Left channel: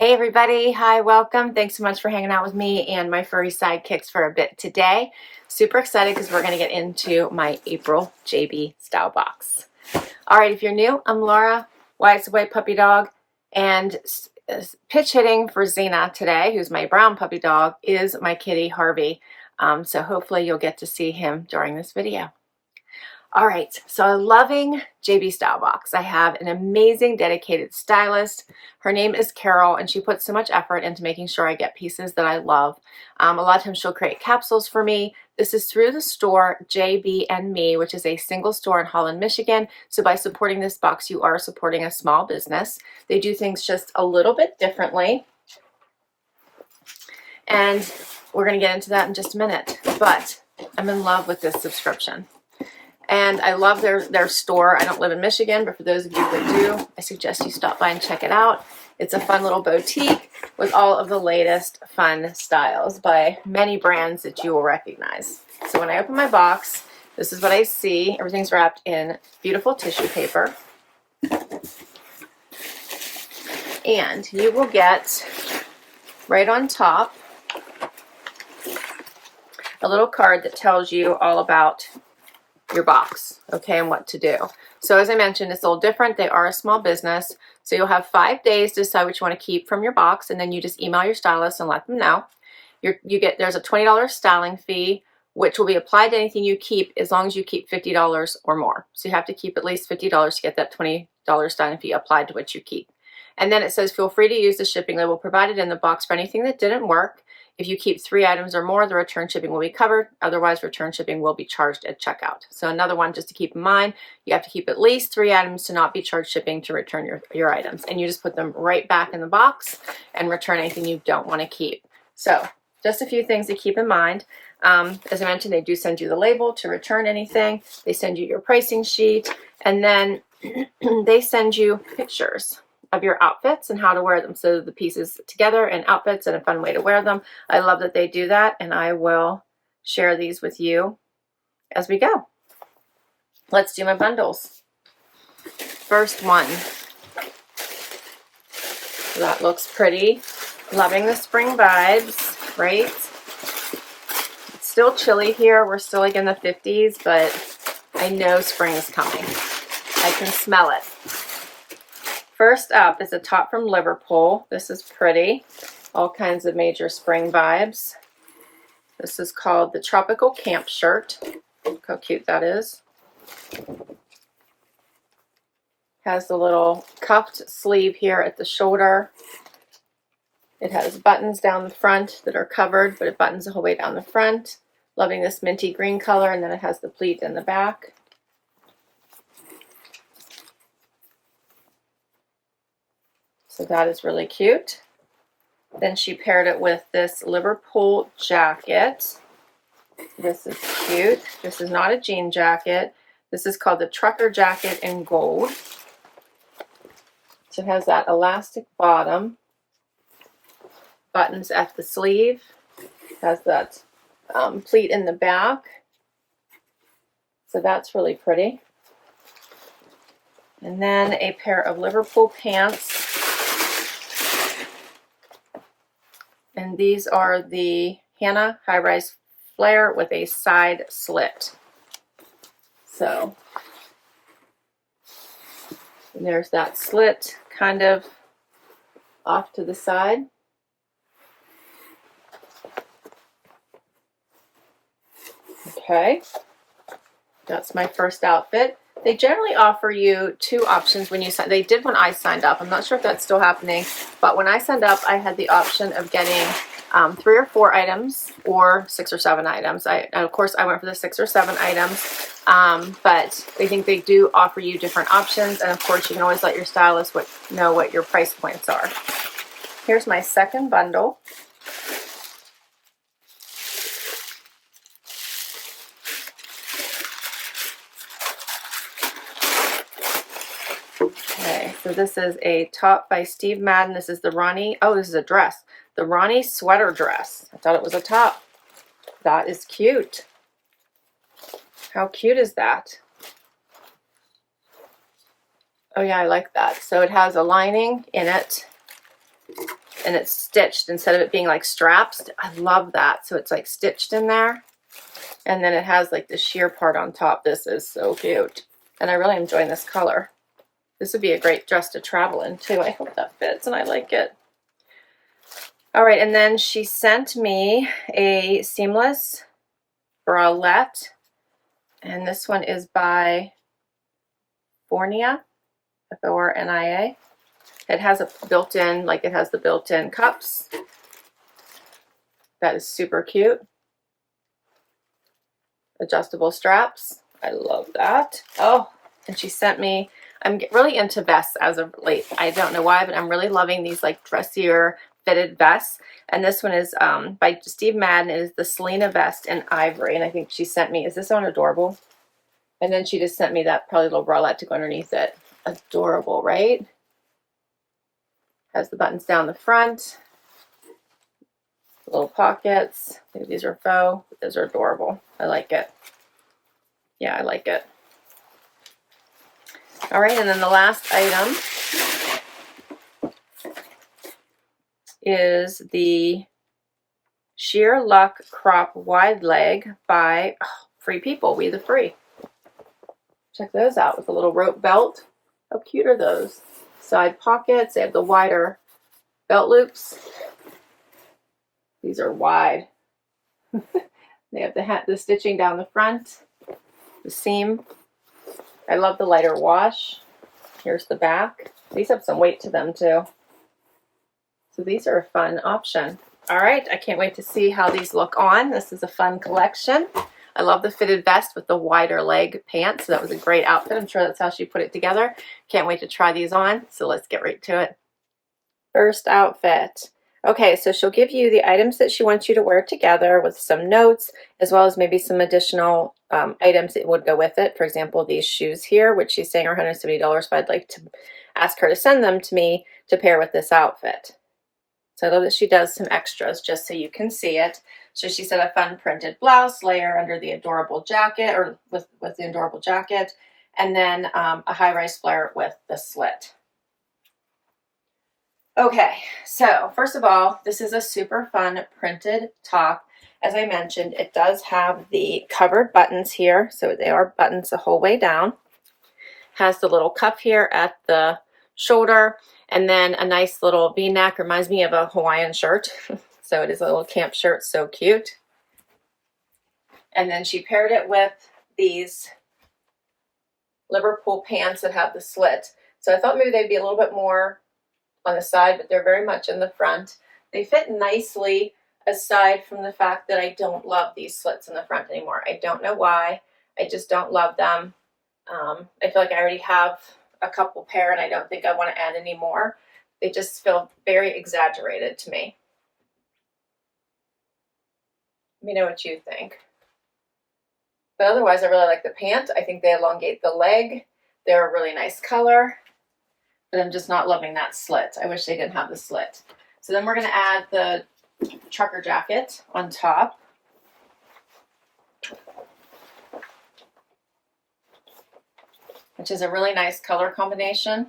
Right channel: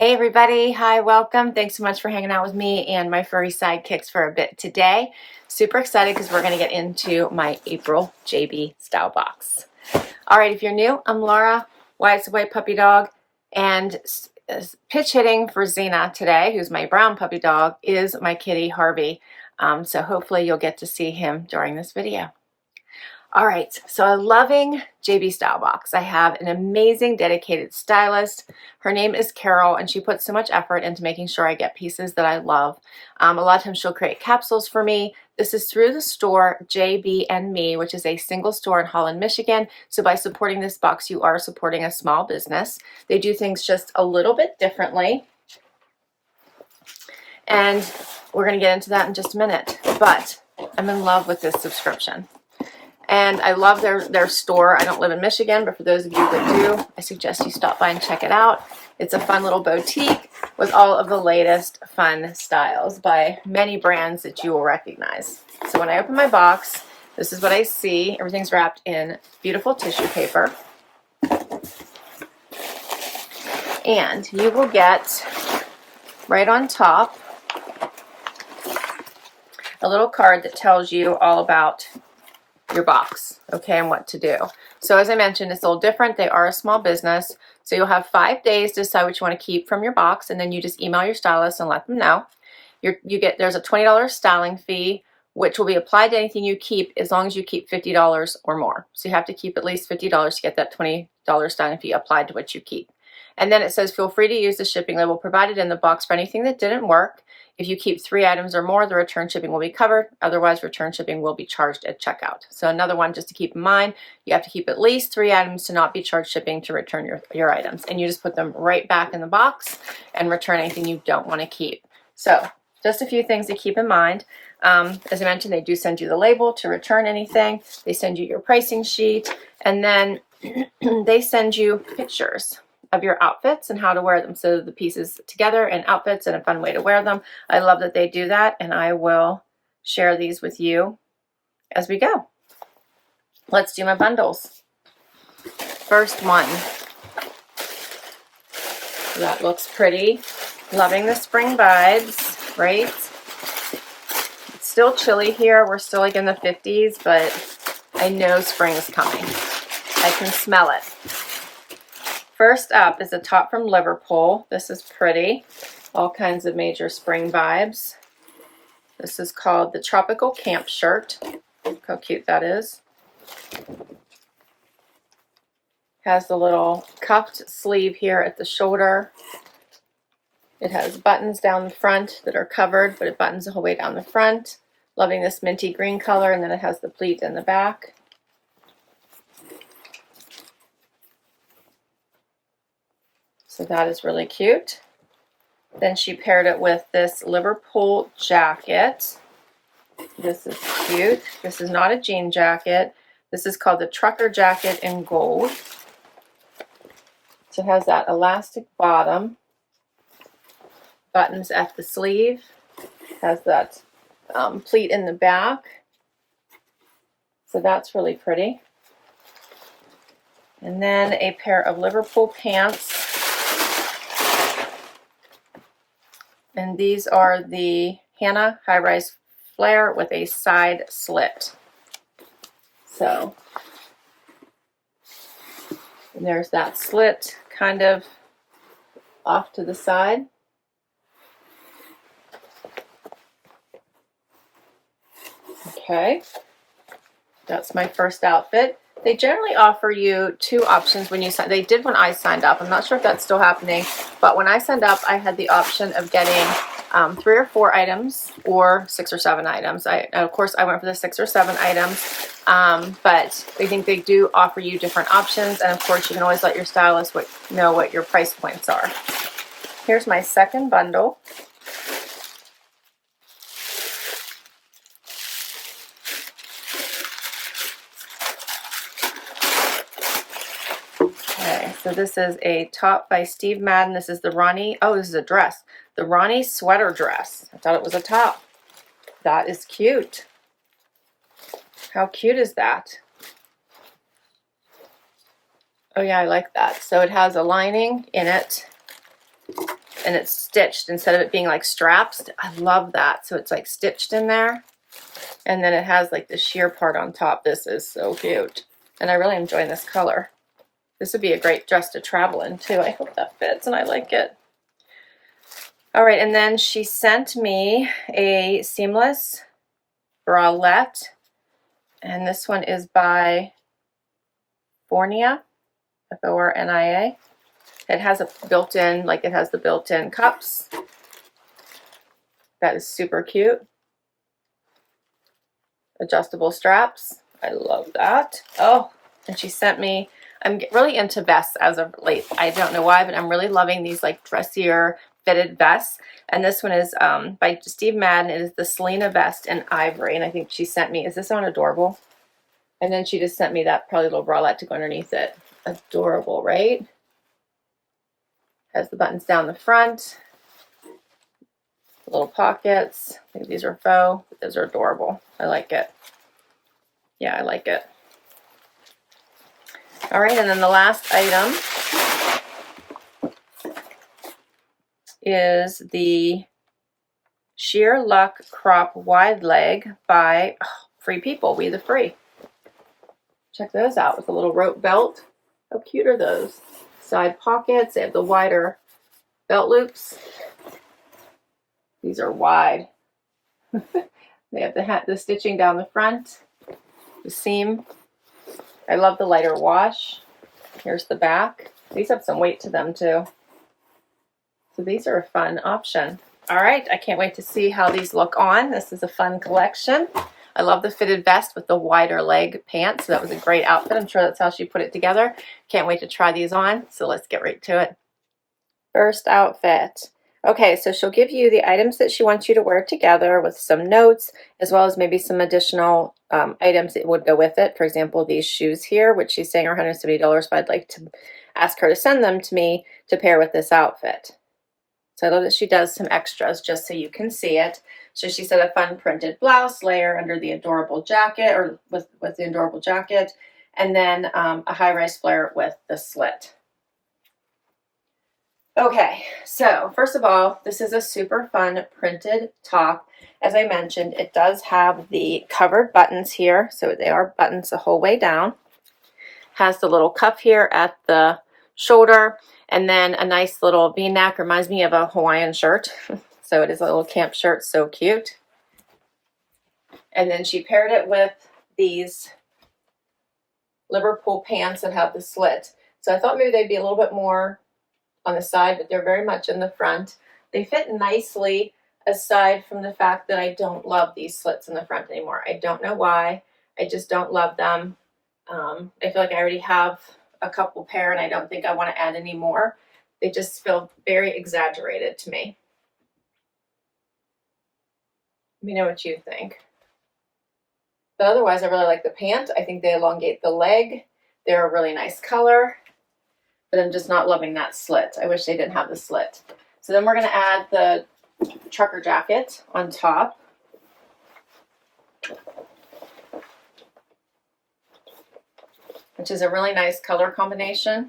Hey everybody, hi, welcome. Thanks so much for hanging out with me and my furry sidekicks for a bit today. Super excited because we're going to get into my April JB Stylebox. All right, if you're new, I'm Laura, White's a White Puppy Dog, and pitch hitting for Xena today, who's my brown puppy dog, is my kitty Harvey. So hopefully you'll get to see him during this video. All right, so I'm loving JB Stylebox. I have an amazing dedicated stylist. Her name is Carol, and she puts so much effort into making sure I get pieces that I love. A lot of times she'll create capsules for me. This is through the store JB and Me, which is a single store in Holland, Michigan. So by supporting this box, you are supporting a small business. They do things just a little bit differently. And we're going to get into that in just a minute. But I'm in love with this subscription. And I love their store. I don't live in Michigan, but for those of you that do, I suggest you stop by and check it out. It's a fun little boutique with all of the latest fun styles by many brands that you will recognize. So when I open my box, this is what I see. Everything's wrapped in beautiful tissue paper. And you will get right on top a little card that tells you all about your box, okay, and what to do. So as I mentioned, it's a little different. They are a small business, so you'll have 5 days to decide what you want to keep from your box, and then you just email your stylist and let them know. There's a $20 styling fee, which will be applied to anything you keep as long as you keep $50 or more. So you have to keep at least $50 to get that $20 styling fee applied to what you keep. And then it says, feel free to use the shipping label provided in the box for anything that didn't work. If you keep 3 items or more, the return shipping will be covered. Otherwise, return shipping will be charged at checkout. So another one just to keep in mind, you have to keep at least 3 items to not be charged shipping to return your items. And you just put them right back in the box and return anything you don't want to keep. So just a few things to keep in mind. As I mentioned, they do send you the label to return anything. They send you your pricing sheet. And then they send you pictures of your outfits and how to wear them. So the pieces together and outfits and a fun way to wear them. I love that they do that, and I will share these with you as we go. Let's do my bundles. First one. That looks pretty. Loving the spring vibes, right? It's still chilly here. We're still like in the 50s, but I know spring is coming. I can smell it. First up is a top from Liverpool. This is pretty. All kinds of major spring vibes. This is called the Tropical Camp Shirt. Look how cute that is. Has the little cuffed sleeve here at the shoulder. It has buttons down the front that are covered, but it buttons the whole way down the front. Loving this minty green color, and then it has the pleat in the back. So that is really cute. Then she paired it with this Liverpool jacket. This is cute. This is not a jean jacket. This is called the trucker jacket in gold. So it has that elastic bottom. Buttons at the sleeve. Has that pleat in the back. So that's really pretty. And then a pair of Liverpool pants. And these are the Hannah high-rise flare with a side slit. So, and there's that slit kind of off to the side. Okay, that's my first outfit. They generally offer you 2 options when you sign. They did when I signed up. I'm not sure if that's still happening, but when I signed up, I had the option of getting 3 or 4 items or 6 or 7 items. Of course, I went for the 6 or 7 items, but I think they do offer you different options. And of course, you can always let your stylist know what your price points are. Here's my second bundle. Okay, so this is a top by Steve Madden. This is the Ronnie. Oh, this is a dress. The Ronnie sweater dress. I thought it was a top. That is cute. How cute is that? Oh yeah, I like that. So it has a lining in it and it's stitched instead of it being like straps. I love that. So it's like stitched in there, and then it has like the sheer part on top. This is so cute, and I really am enjoying this color. This would be a great dress to travel in too. I hope that fits and I like it. All right, and then she sent me a seamless bralette, and this one is by Fornia, F-O-R-N-I-A. It has a built-in, like it has the built-in cups. That is super cute. Adjustable straps. I love that. Oh, and she sent me, I'm really into vests as of late. I don't know why, but I'm really loving these like dressier fitted vests. And this one is by Steve Madden. It is the Selene vest in ivory. And I think she sent me, is this one adorable? And then she just sent me that probably little bralette to go underneath it. Adorable, right? Has the buttons down the front. Little pockets. I think these are faux, but those are adorable. I like it. Yeah, I like it. All right, and then the last item is the Sheer Luck Crop Wide Leg by Free People, We the Free. Check those out with a little rope belt. How cute are those? Side pockets. They have the wider belt loops. These are wide. They have the stitching down the front, the seam. I love the lighter wash. Here's the back. These have some weight to them too. So these are a fun option. All right, I can't wait to see how these look on. This is a fun collection. I love the fitted vest with the wider leg pants. So that was a great outfit. I'm sure that's how she put it together. Can't wait to try these on. So let's get right to it. First outfit. Okay, so she'll give you the items that she wants you to wear together with some notes, as well as maybe some additional items that would go with it. For example, these shoes here, which she's saying are $170, but I'd like to ask her to send them to me to pair with this outfit. So I love that she does some extras just so you can see it. So she said a fun printed blouse layer under the adorable jacket, or with the adorable jacket, and then a high-rise flare with the slit. Okay, so first of all, this is a super fun printed top. As I mentioned, it does have the covered buttons here, so they are buttons the whole way down. Has the little cuff here at the shoulder, and then a nice little V-neck. Reminds me of a Hawaiian shirt. So it is a little camp shirt, so cute. And then she paired it with these Liverpool pants that have the slit. So I thought maybe they'd be a little bit more on the side, but they're very much in the front. They fit nicely, aside from the fact that I don't love these slits in the front anymore. I don't know why. I just don't love them. I feel like I already have a couple pair and I don't think I want to add any more. They just feel very exaggerated to me. Let me know what you think. But otherwise, I really like the pant. I think they elongate the leg. They're a really nice color. But I'm just not loving that slit. I wish they didn't have the slit. So then we're going to add the trucker jacket on top. Which is a really nice color combination.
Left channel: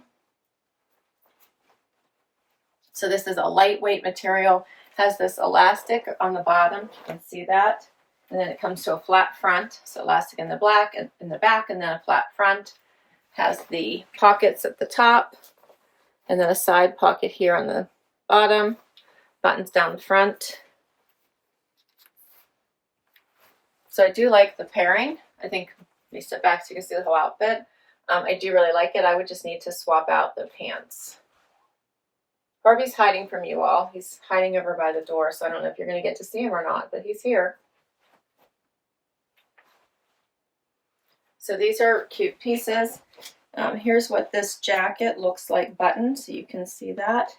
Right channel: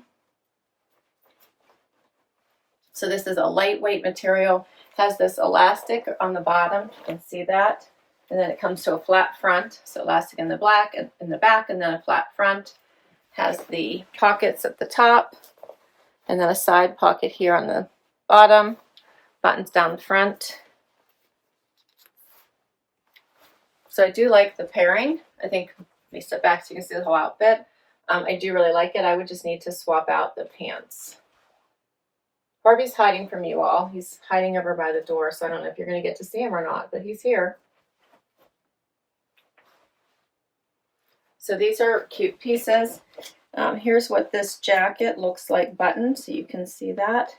So this is a lightweight material. Has this elastic on the bottom. You can see that. And then it comes to a flat front. So elastic in the black and in the back, and then a flat front. Has the pockets at the top. And then a side pocket here on the bottom, buttons down the front. So I do like the pairing. I think, let me step back so you can see the whole outfit. I do really like it. I would just need to swap out the pants. Harvey's hiding from you all. He's hiding over by the door, so I don't know if you're going to get to see him or not, but he's here. So these are cute pieces. Here's what this jacket looks like buttoned, so you can see that.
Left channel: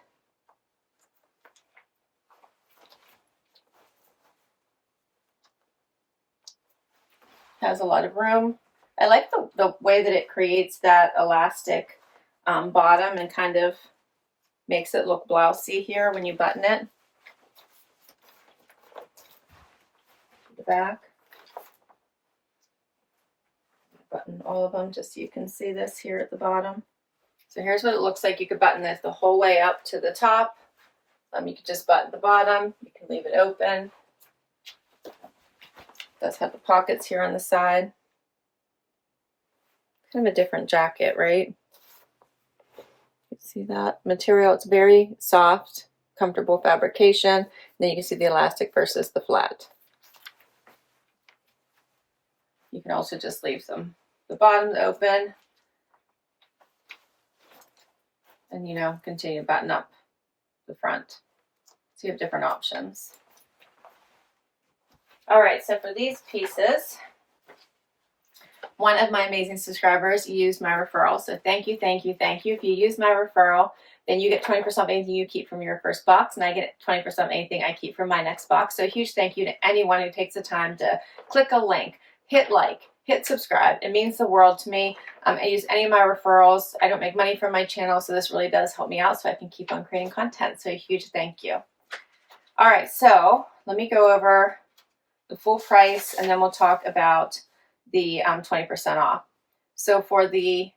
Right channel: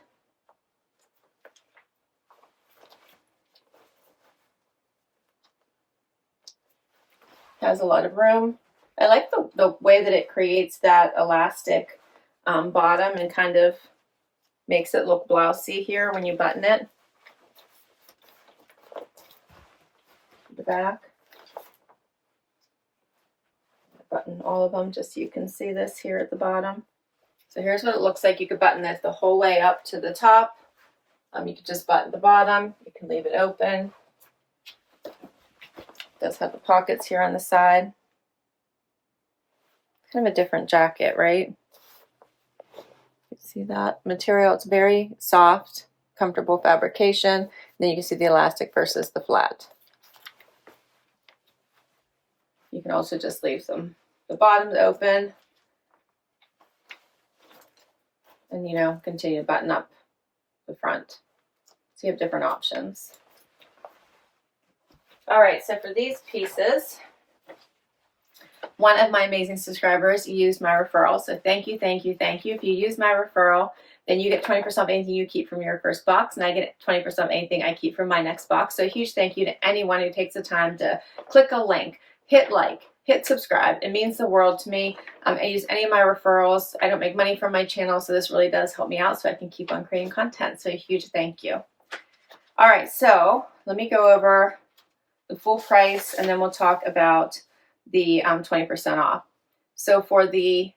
Has a lot of room. I like the way that it creates that elastic bottom and kind of makes it look blousey here when you button it. The back. Button all of them just so you can see this here at the bottom. So here's what it looks like. You could button this the whole way up to the top, You can just button the bottom. You can leave it open. It does have the pockets here on the side. Kind of a different jacket, right? You see that material? It's very soft, comfortable fabrication. And then you can see the elastic versus the flat. You can also just leave the bottoms open and, you know, continue to button up the front. So you have different options. All right, so for these pieces, one of my amazing subscribers used my referral. So thank you, thank you, thank you. If you use my referral, then you get 20% of anything you keep from your first box, and I get 20% of anything I keep from my next box. So a huge thank you to anyone who takes the time to click a link, hit like, hit subscribe. It means the world to me. I use any of my referrals. I don't make money from my channel, so this really does help me out so I can keep on creating content. So a huge thank you. All right, so let me go over the full price, and then we'll talk about the 20% off. So for the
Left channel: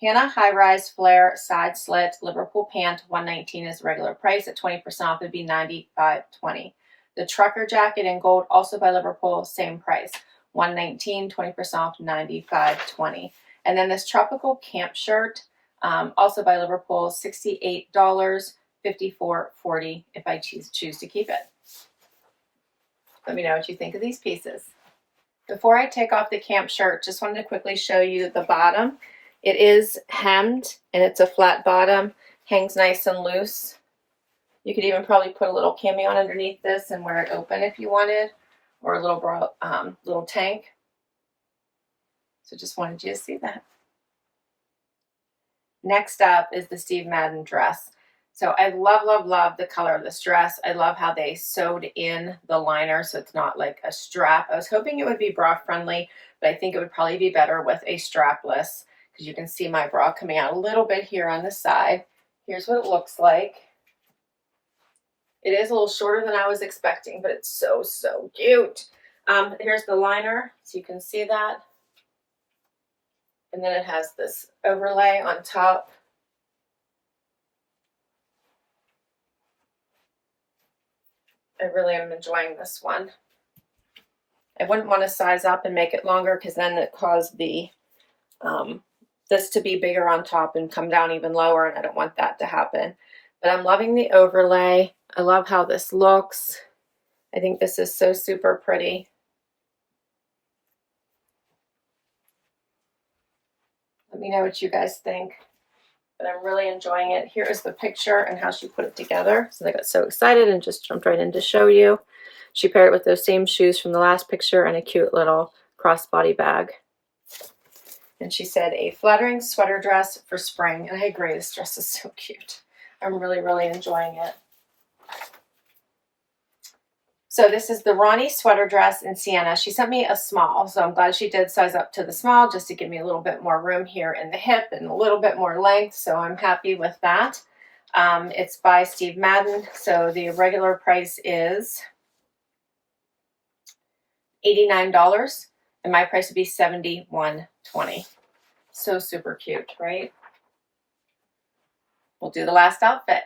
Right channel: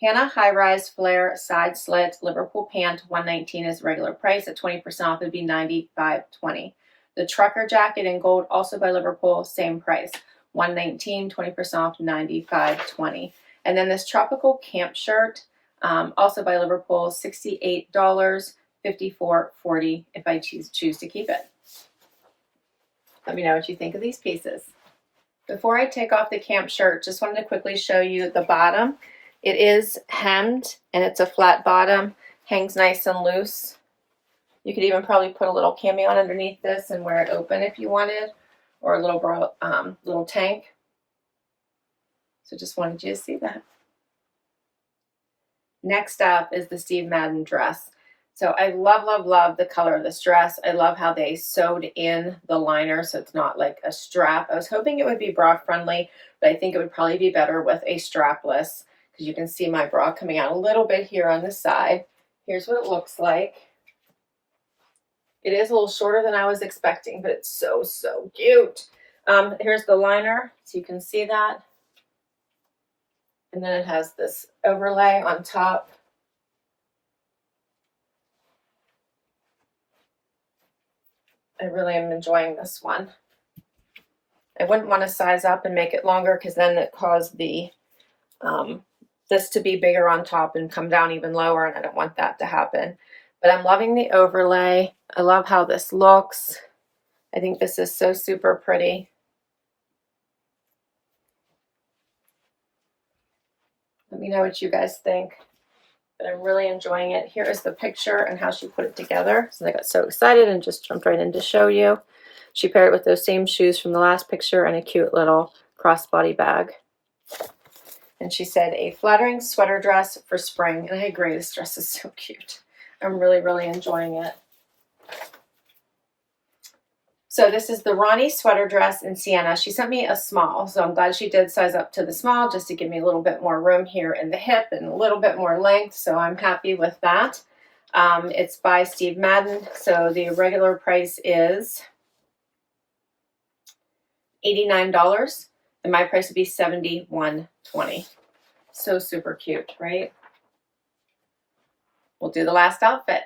Hannah High Rise Flare Side Slit Liverpool Pant, $119 is the regular price. At 20% off, it would be $95.20. The Trucker Jacket in gold, also by Liverpool, same price. $119, 20% off, $95.20. And then this tropical camp shirt, also by Liverpool, $68, $54.40 if I choose to keep it. Let me know what you think of these pieces. Before I take off the camp shirt, just wanted to quickly show you the bottom. It is hemmed and it's a flat bottom, hangs nice and loose. You could even probably put a little cami on underneath this and wear it open if you wanted, or a little tank. So just wanted you to see that. Next up is the Steve Madden dress. So I love, love, love the color of this dress. I love how they sewed in the liner so it's not like a strap. I was hoping it would be bra friendly, but I think it would probably be better with a strapless, because you can see my bra coming out a little bit here on the side. Here's what it looks like. It is a little shorter than I was expecting, but it's so, so cute. Here's the liner, so you can see that. And then it has this overlay on top. I really am enjoying this one. I wouldn't want to size up and make it longer, because then it caused the this to be bigger on top and come down even lower, and I don't want that to happen. But I'm loving the overlay. I love how this looks. I think this is so super pretty. Let me know what you guys think. But I'm really enjoying it. Here is the picture and how she put it together. So I got so excited and just jumped right in to show you. She paired it with those same shoes from the last picture and a cute little crossbody bag. And she said, a flattering sweater dress for spring. And I agree, this dress is so cute. I'm really, really enjoying it. So this is the Ronnie sweater dress in Sienna. She sent me a small, so I'm glad she did size up to the small just to give me a little bit more room here in the hip and a little bit more length, so I'm happy with that. It's by Steve Madden, so the regular price is $89, and my price would be $71.20. So super cute, right? We'll do the last outfit.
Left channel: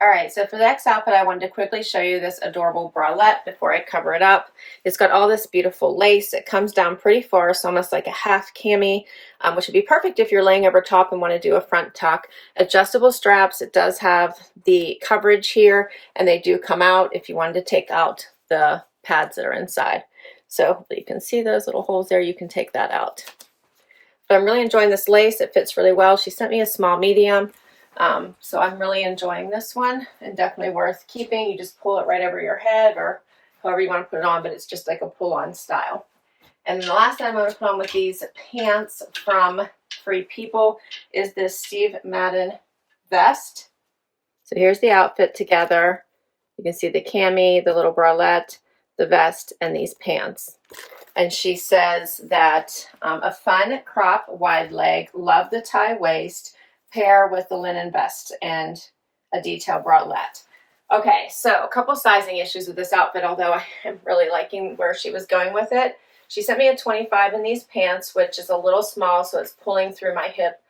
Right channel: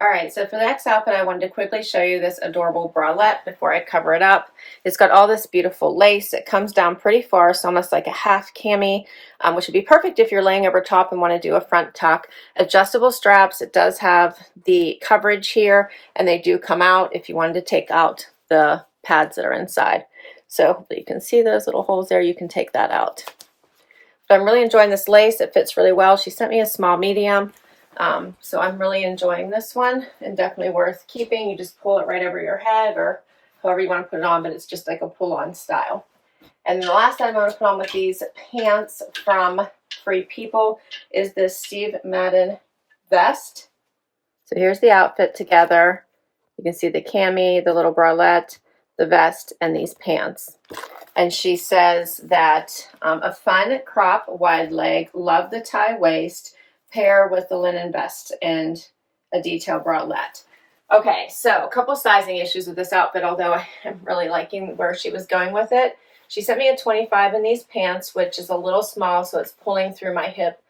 All right, so for the next outfit, I wanted to quickly show you this adorable bralette before I cover it up. It's got all this beautiful lace. It comes down pretty far, it's almost like a half cami, which would be perfect if you're laying over top and want to do a front tuck. Adjustable straps. It does have the coverage here, and they do come out if you wanted to take out the pads that are inside. So you can see those little holes there. You can take that out. But I'm really enjoying this lace. It fits really well. She sent me a small medium. So I'm really enjoying this one, and definitely worth keeping. You just pull it right over your head or however you want to put it on, but it's just like a pull-on style. And then the last item I want to put on with these pants from Free People is this Steve Madden vest. So here's the outfit together. You can see the cami, the little bralette, the vest, and these pants. And she says that a fun crop wide leg, love the tie waist, pair with the linen vest and a detail bralette. Okay, so a couple sizing issues with this outfit, although I am really liking where she was going with it. She sent me a 25 in these pants, which is a little small, so it's pulling through my hip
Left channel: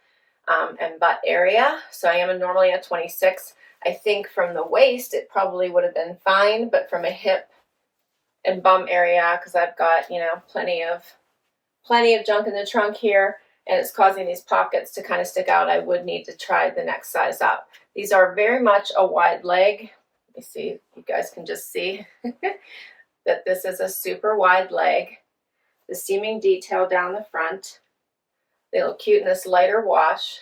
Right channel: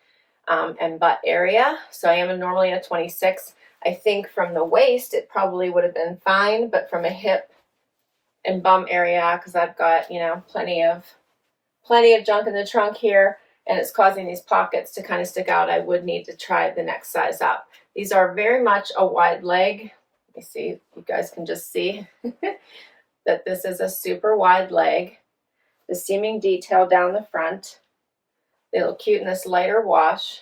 and butt area. So I am normally a 26. I think from the waist, it probably would have been fine, but from a hip and bum area, because I've got, you know, plenty of junk in the trunk here, and it's causing these pockets to kind of stick out, I would need to try the next size up. These are very much a wide leg. Let me see if you guys can just see that this is a super wide leg. The seaming detail down the front. They look cute in this lighter wash.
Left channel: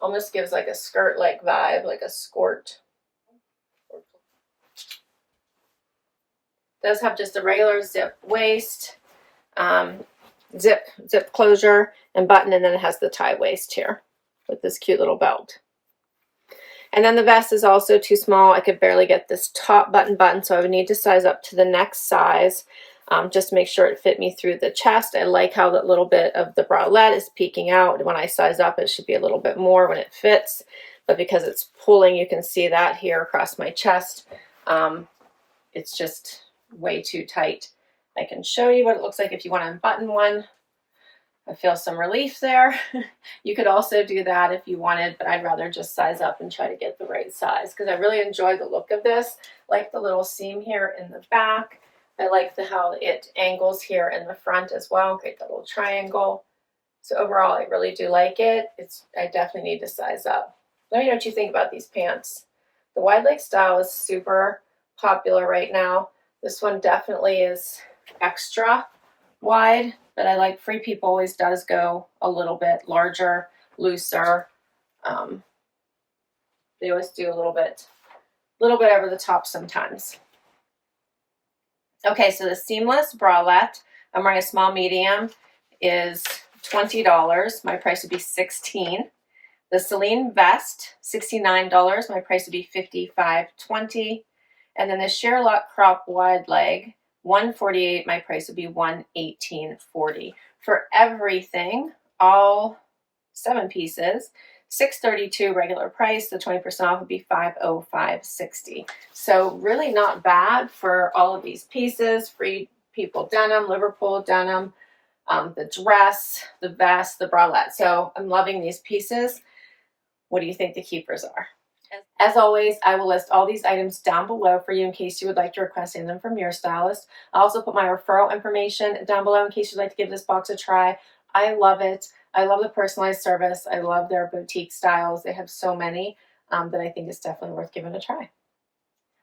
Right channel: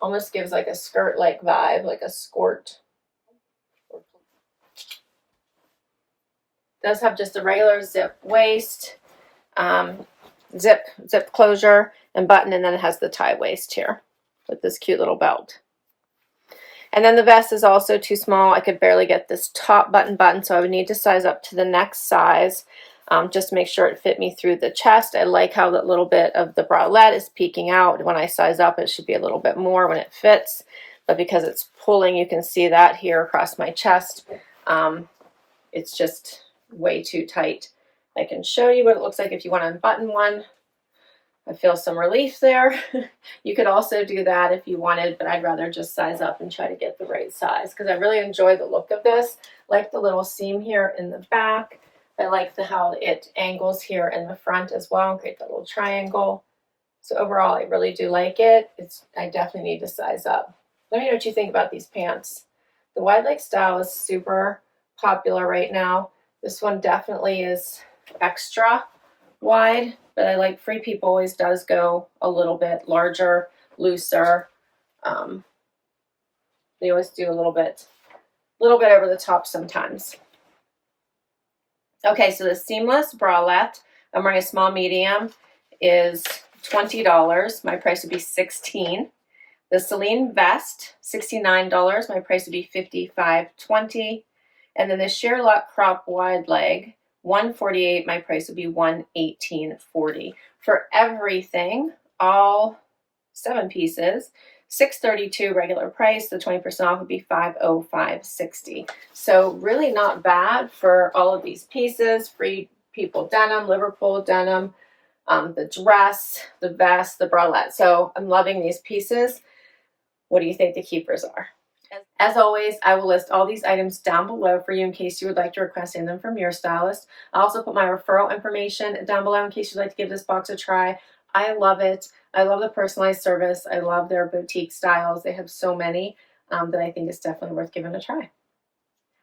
Almost gives like a skirt-like vibe, like a skirt. Does have just a regular zip waist, zip closure and button, and then it has the tie waist here with this cute little belt. And then the vest is also too small. I could barely get this top button, so I would need to size up to the next size, just to make sure it fit me through the chest. I like how that little bit of the bralette is peeking out. When I size up, it should be a little bit more when it fits, but because it's pulling, you can see that here across my chest. It's just way too tight. I can show you what it looks like if you want to unbutton one. I feel some relief there. You could also do that if you wanted, but I'd rather just size up and try to get the right size because I really enjoy the look of this. Like the little seam here in the back. I like how it angles here in the front as well, create the little triangle. So overall, I really do like it. I definitely need to size up. Let me know what you think about these pants. The wide leg style is super popular right now. This one definitely is extra wide, but I like Free People always does go a little bit larger, looser. They always do a little bit over the top sometimes. Okay, so the seamless bralette, I'm wearing a small medium, is $20. My price would be $16. The Selene vest, $69. My price would be $55.20. And then the Sherlock crop wide leg, $148. My price would be $118.40. For everything, all 7 pieces, $632 regular price. The 20% off would be $505.60. So really not bad for all of these pieces. Free People denim, Liverpool denim, the dress, the vest, the bralette. So I'm loving these pieces. What do you think the keepers are? As always, I will list all these items down below for you in case you would like to request them from your stylist. I'll also put my referral information down below in case you'd like to give this box a try. I love it. I love the personalized service. I love their boutique styles. They have so many that I think it's definitely worth giving a try.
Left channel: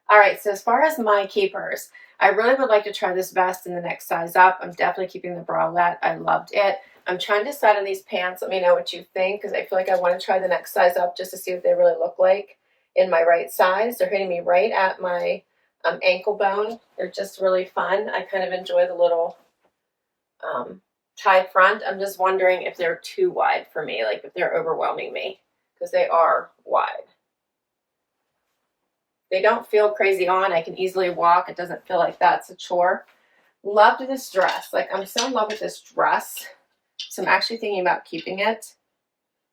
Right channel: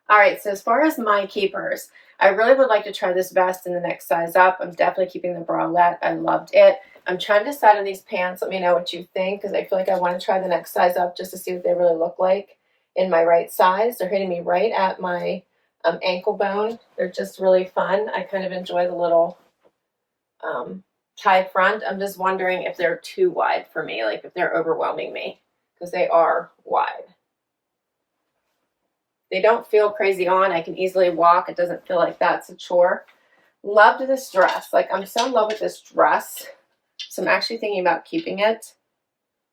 All right, so as far as my keepers, I really would like to try this vest in the next size up. I'm definitely keeping the bralette. I loved it. I'm trying to decide on these pants. Let me know what you think because I feel like I want to try the next size up just to see what they really look like in my right size. They're hitting me right at my ankle bone. They're just really fun. I kind of enjoy the little tie front. I'm just wondering if they're too wide for me, like if they're overwhelming me because they are wide. They don't feel crazy on. I can easily walk. It doesn't feel like that's a chore. Loved this dress. Like I'm so in love with this dress. So I'm actually thinking about keeping it.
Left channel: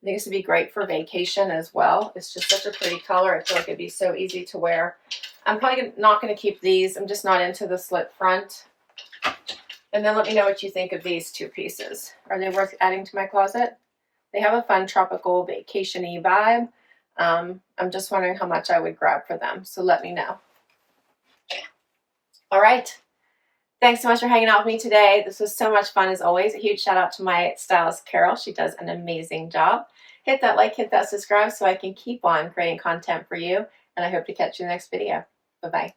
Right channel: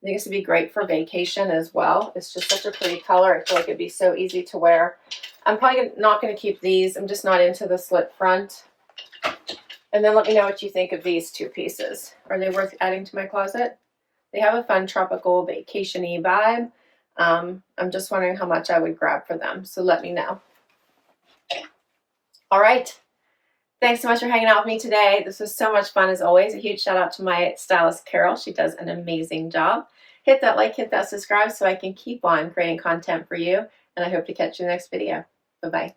I think this would be great for vacation as well. It's just such a pretty color. I feel like it'd be so easy to wear. I'm probably not going to keep these. I'm just not into the slit front. And then let me know what you think of these 2 pieces. Are they worth adding to my closet? They have a fun tropical vacation-y vibe. I'm just wondering how much I would grab for them. So let me know. All right. Thanks so much for hanging out with me today. This was so much fun as always. A huge shout out to my stylist, Carol. She does an amazing job. Hit that like, hit that subscribe so I can keep on creating content for you. And I hope to catch you in the next video. Bye-bye.